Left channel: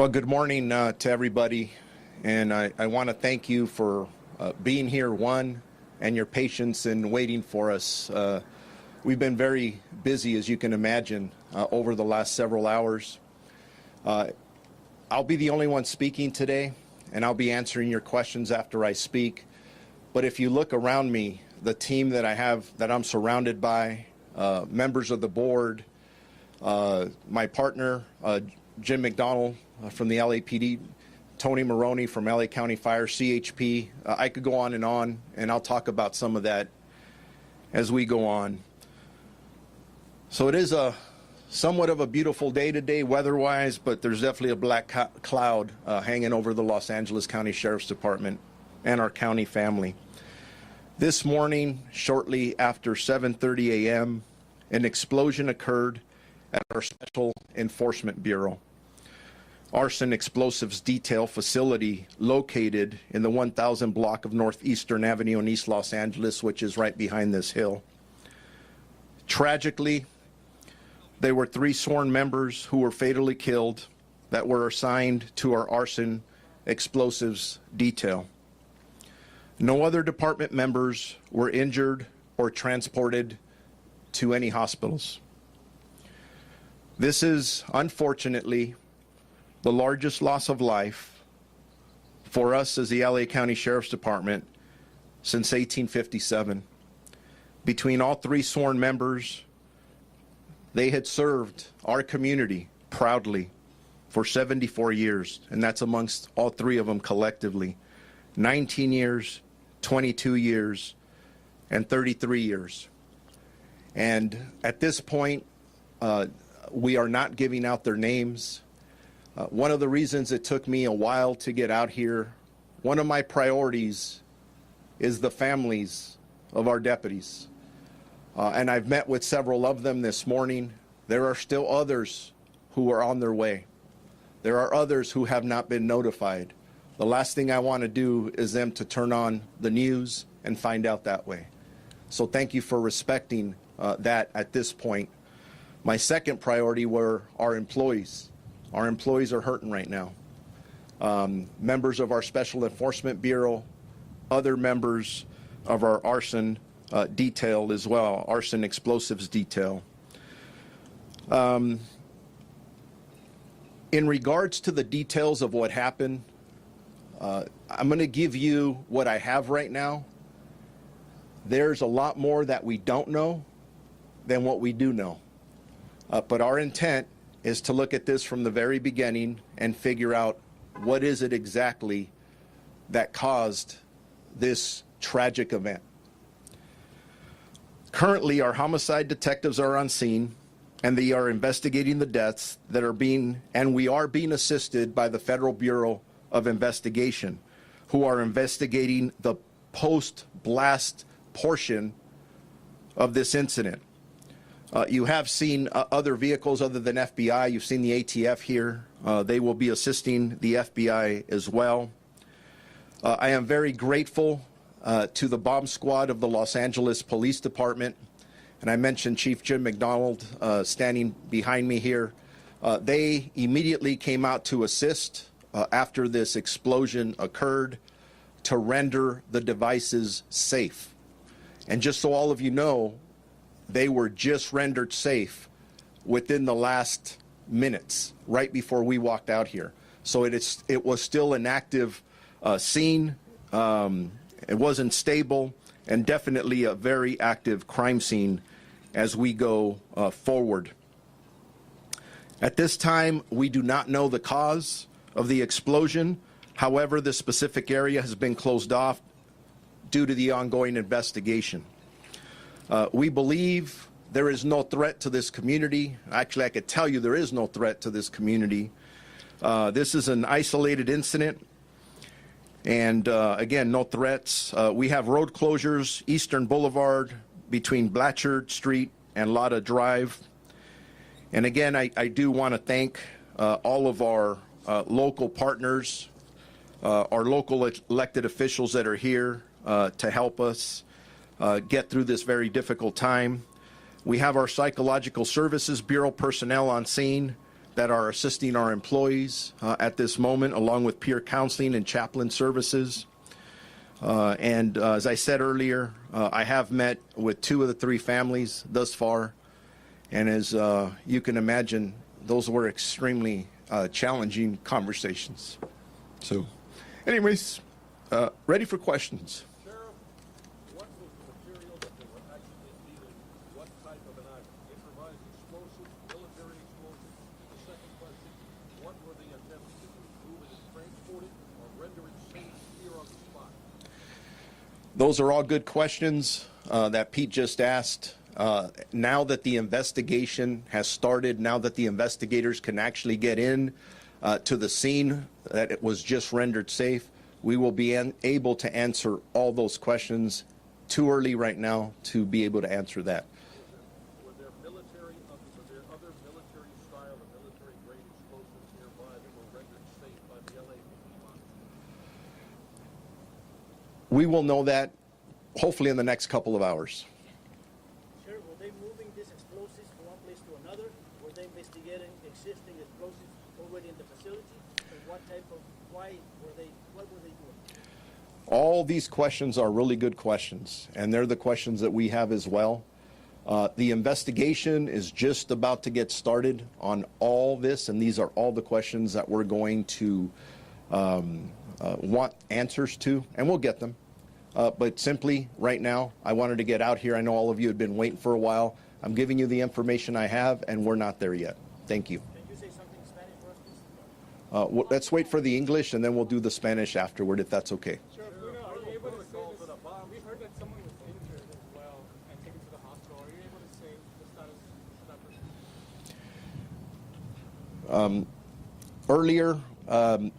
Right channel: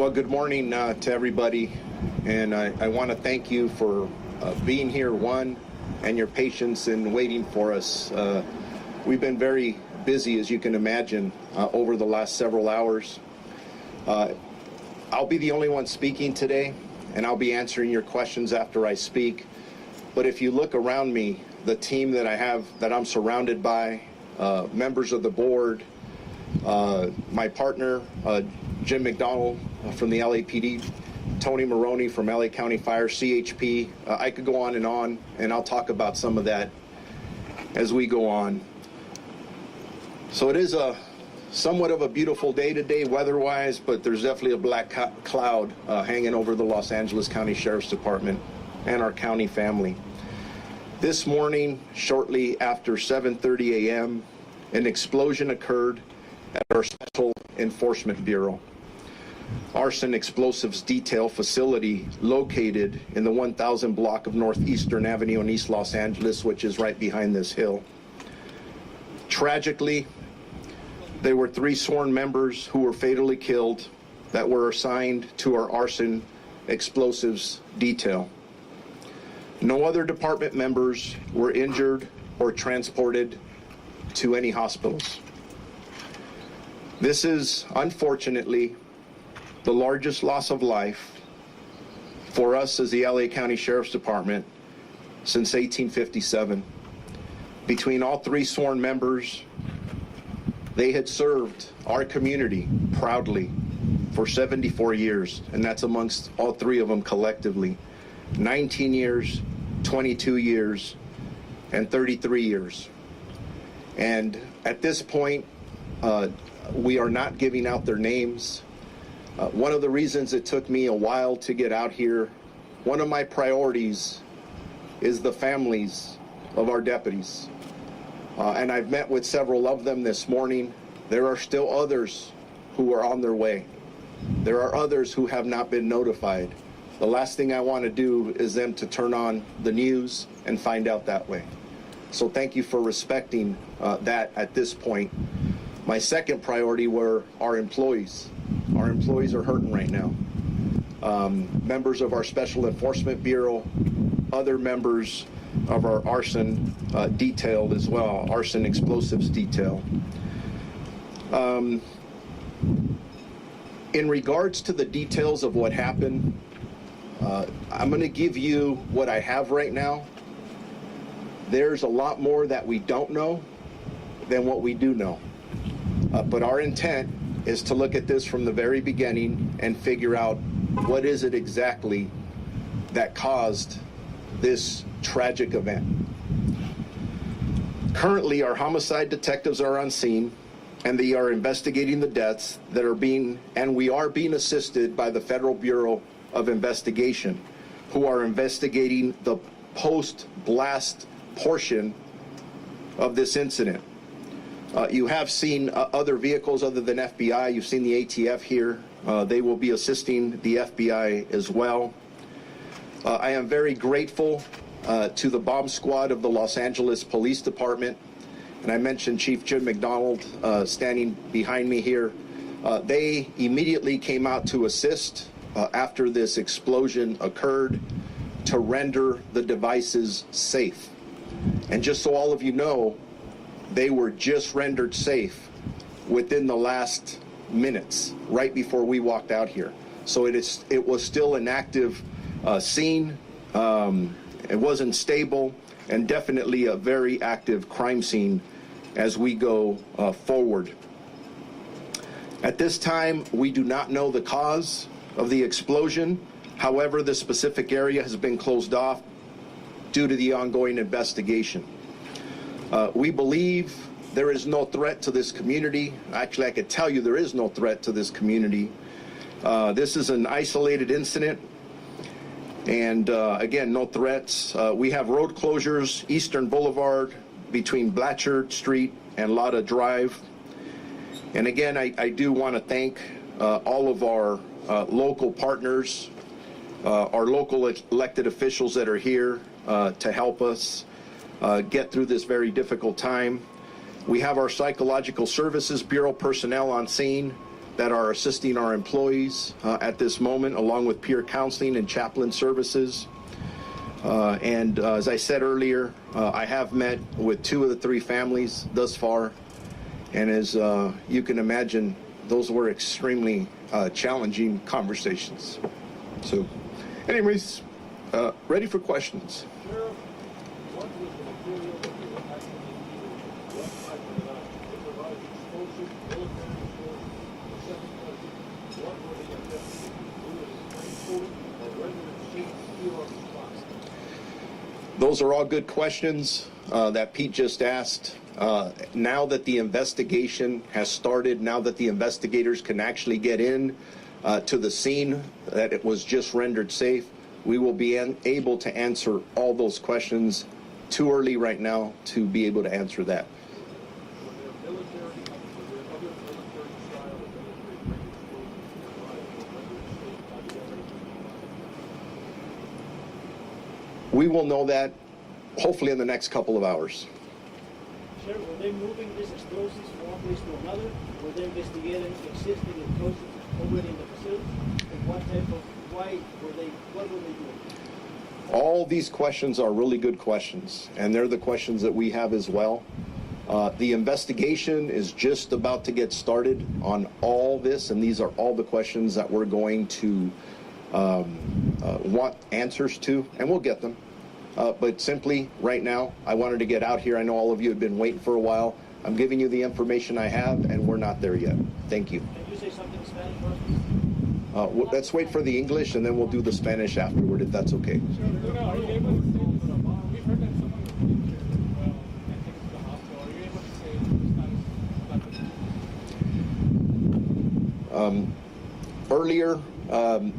Well, good morning to everybody, and I want to thank you for being here, and your patience in waiting for us. We've been very busy, as you can imagine, over the last several hours. I'll be the only one speaking today, and I'll be answering your questions after I speak. But if you look around me, the team that I have, that I'm surrounded by, members of the board, my partner, Jim McDonald from the LAPD, Tony Maroney from LA County Fire, CHP. I could go on, and I'll talk about some of that as we go on. So it is somewhat of a beautiful day today weather-wise, but there's definitely a black cloud hanging over the Los Angeles County Sheriff's Department and our county family. This morning, shortly after 7:30 a.m., an explosion occurred at our Special Enforcement Bureau, Arson Explosives Detail facility located in the 1000 block of Northeastern Avenue in East Los Angeles, which is right behind this hill. Tragically, there were 3 sworn members who were fatally killed that were assigned to our Arson Explosives Detail. No other department members were injured or transported to any hospitals. This is, unfortunately, the largest loss of life for us as the LA County Sheriff's Department since 1857. Between all 3 sworn members, they had served our community proudly for 74 years, and that's amongst all 3 of them collectively. 19 years, 22 years, and 33 years. And at this point, we are not giving out their names. One of the reasons it took me a while to get out here, one of my priorities is the families of our deputies. And I've met with several of them this morning. There are still others who are on their way. There are others who have not been notified. The last thing I want to do is them to turn on the news and find out that way. So thank you for respecting that at this point. My second priority were our employees. Our employees are hurting right now. Members of our Special Enforcement Bureau, other members of our arson detail as well, Arson Explosives Detail. In regards to the details of what happened, I'm going to give you what I have right now. There's a lot more that we don't know than what we do know. But our intent is to look at this from the very beginning and figure out what is it exactly that caused this tragic event. Currently, our homicide detectives are on scene, and they are investigating the deaths that are we are being assisted by the Federal Bureau of Investigation, who are investigating the post-blast portion of this incident. You have seen other vehicles other than FBI. You've seen the ATF here. They will be assisting the FBI as well. I am very grateful to the bomb squad of the Los Angeles Police Department. And I mentioned Chief Jim McDonald standing behind me here. They immediately came out to assist after this explosion occurred to render the devices safe. And just so all of you know, they were just rendered safe within the last minutes, right before we walked out here. So it was still an active scene. It wasn't stable, and definitely a very active crime scene as we go forward. At this time, we do not know the cause of the explosion. However, the specific area has been closed off due to the ongoing investigation. We believe there is no threat to this community. Actually, I could tell you there is no threat to this community. This is an isolated incident, and again, no threats. We have road closures, Eastern Boulevard between Blatchard Street and Lotta Drive. And again, I do want to thank all of our local partners, our local elected officials that are here to help us get through this very difficult time. We have our Psychological Services Bureau personnel on scene that are assisting our employees at this moment, along with peer counseling and chaplain services. And as I said earlier, I have met with 2 of the 3 families thus far, and as you can imagine, those were extremely challenging conversations. So, anyways, ready for questions. Those are all good questions that Pete just asked. Now that the investigation has started, now that the investigators can actually get in to the scene, that it was just rendered safe, we will be able to answer all those questions. Too early right now to be able to answer that. We will know that hopefully in the next couple of hours. Sir, were they moving these explosives from one place to another? Were they investigating existing explosives already in the facility? And what were they doing? All these questions are really good questions, and they're the questions that we have as well. The investigation is just about to get started on all this, and these are all the questions that we're going to want answers to, and we'll get them. But simply, right now, I wanted to get out here. I know all of you have been waiting for a while. I'm giving you the information I have, and we're not there yet. Thank you. Can you say something in Spanish for us, please? Let's wait for the English, and then we'll do the Spanish afterward, if that's okay. Earlier,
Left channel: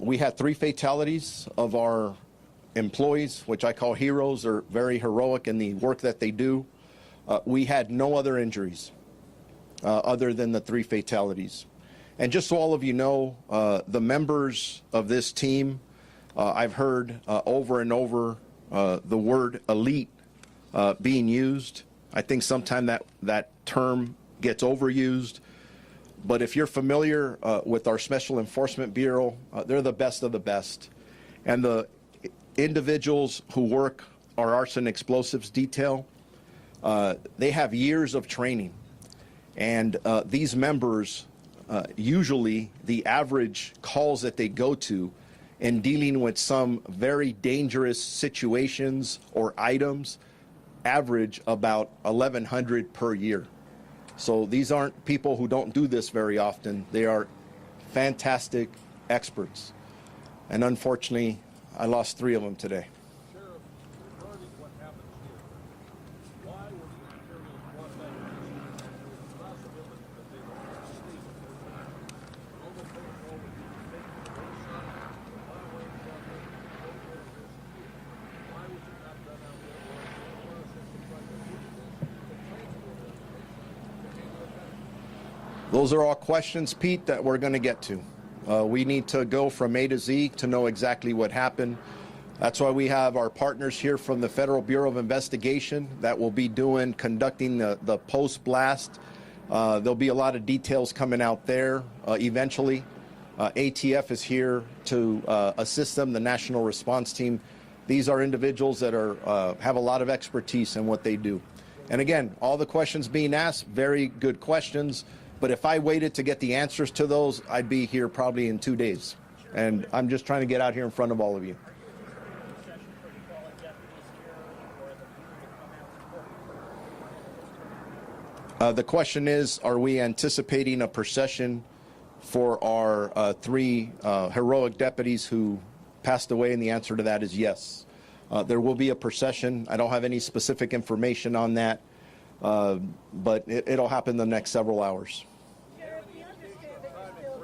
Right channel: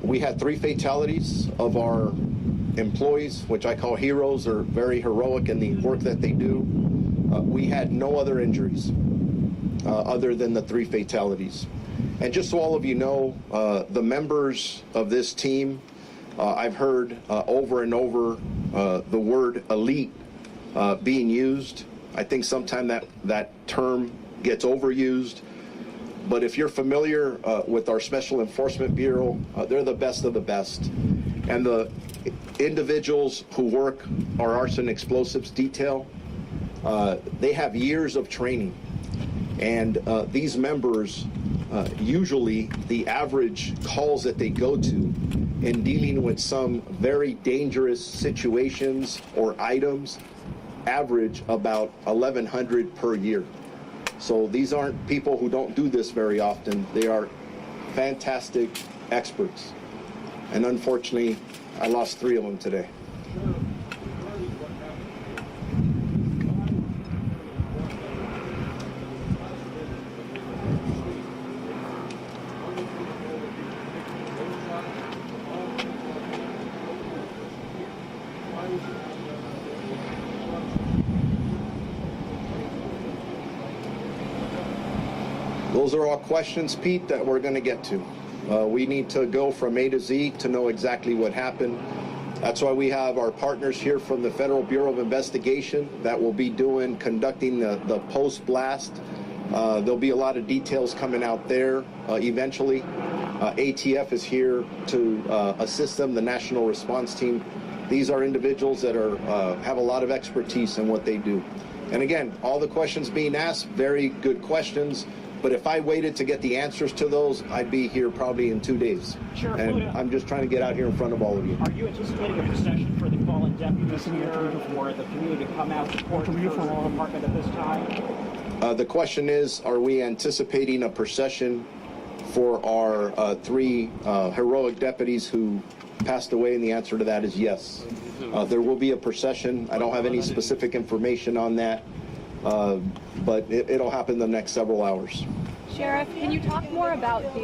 we had 3 fatalities of our employees, which I call heroes. They're very heroic in the work that they do. We had no other injuries other than the 3 fatalities. And just so all of you know, the members of this team, I've heard over and over the word elite being used. I think sometimes that term gets overused. But if you're familiar with our Special Enforcement Bureau, they're the best of the best. And the individuals who work our arson explosives detail, they have years of training. And these members, usually the average calls that they go to in dealing with some very dangerous situations or items average about 1,100 per year. So these aren't people who don't do this very often. They are fantastic experts. And unfortunately, I lost 3 of them today. Those are all questions, Pete, that we're going to get to. We need to go from A to Z to know exactly what happened. That's why we have our partners here from the Federal Bureau of Investigation that will be conducting the post-blast. There'll be a lot of details coming out there eventually. ATF is here to assist them, the National Response Team. These are individuals that have a lot of expertise in what they do. And again, all the questions being asked, very good questions. But if I waited to get the answers to those, I'd be here probably in 2 days. Sure. And I'm just trying to get out here in front of all of you. Are you anticipating a procession for the fallen deputies here, or the community to come out to support the department at this time? The question is, are we anticipating a procession for our 3 heroic deputies who passed away? And the answer to that is yes. There will be a procession. I don't have any specific information on that. But it'll happen the next several hours. Sheriff, can you talk more about the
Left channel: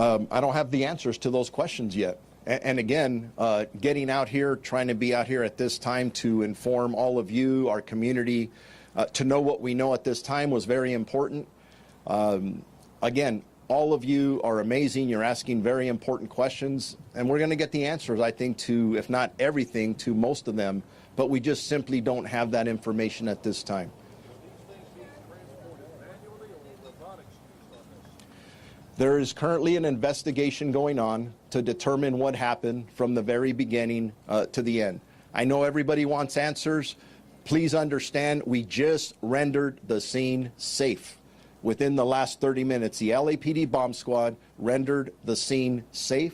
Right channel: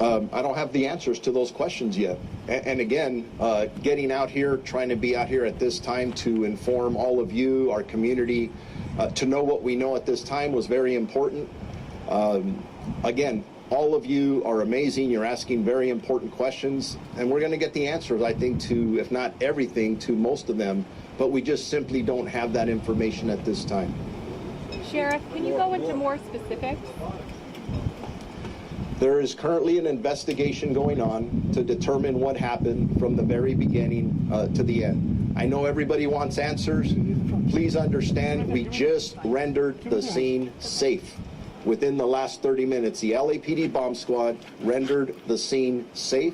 I don't have the answers to those questions yet. And again, getting out here, trying to be out here at this time to inform all of you, our community, to know what we know at this time was very important. Again, all of you are amazing. You're asking very important questions, and we're going to get the answers, I think, to, if not everything, to most of them, but we just simply don't have that information at this time. Sheriff, can you go into more specifics? There is currently an investigation going on to determine what happened from the very beginning to the end. I know everybody wants answers. Please understand, we just rendered the scene safe. Within the last 30 minutes, the LAPD bomb squad rendered the scene safe.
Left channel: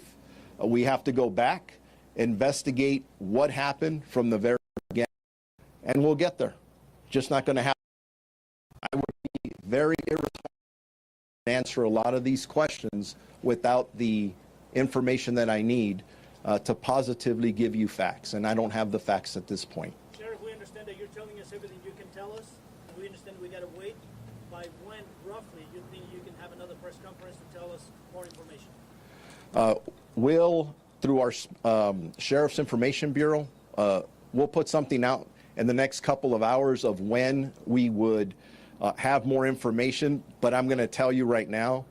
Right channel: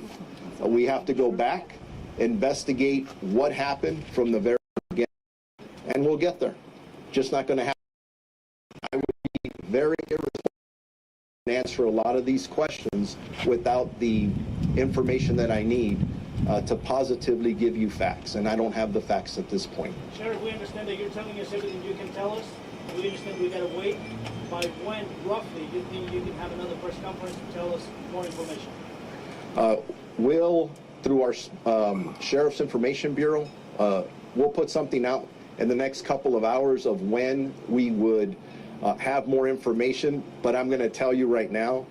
We have to go back, investigate what happened from the very beginning, and we'll get there. Just not going to happen. I would be very irresponsible to answer a lot of these questions without the information that I need to positively give you facts, and I don't have the facts at this point. Sheriff, we understand that you're telling us everything you can tell us. We understand we gotta wait. By when, roughly, do you think you can have another press conference to tell us more information? We'll, through our Sheriff's Information Bureau, we'll put something out in the next couple of hours of when we would have more information. But I'm going to tell you right now,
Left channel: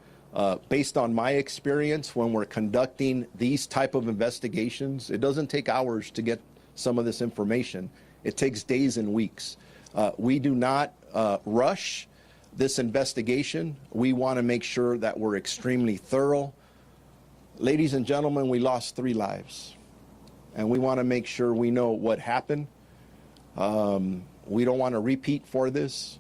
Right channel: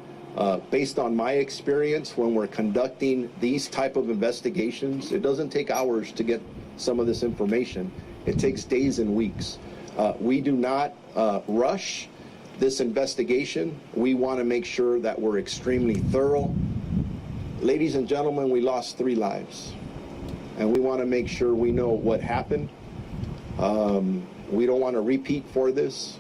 based on my experience, when we're conducting these type of investigations, it doesn't take hours to get some of this information. It takes days and weeks. We do not rush this investigation. We want to make sure that we're extremely thorough. Ladies and gentlemen, we lost 3 lives, and we want to make sure we know what happened. We don't want to repeat for this.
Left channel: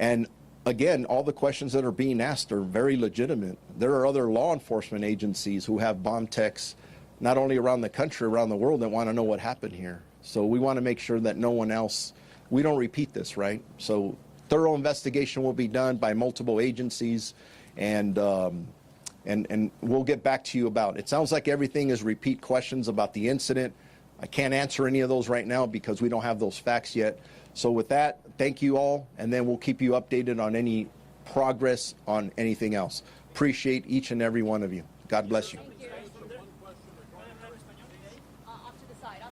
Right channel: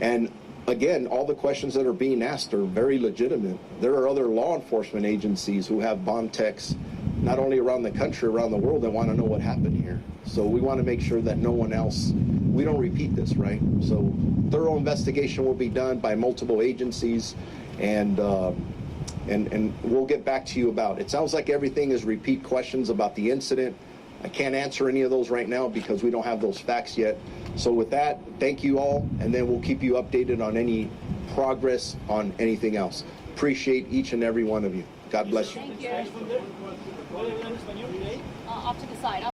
And again, all the questions that are being asked are very legitimate. There are other law enforcement agencies who have bond techs, not only around the country, around the world, that want to know what happened here. So we want to make sure that no one else, we don't repeat this, right? So thorough investigation will be done by multiple agencies, and we'll get back to you about it. It sounds like everything is repeat questions about the incident. I can't answer any of those right now because we don't have those facts yet. So with that, thank you all, and then we'll keep you updated on any progress on anything else. Appreciate each and every one of you. God bless you. Thank you.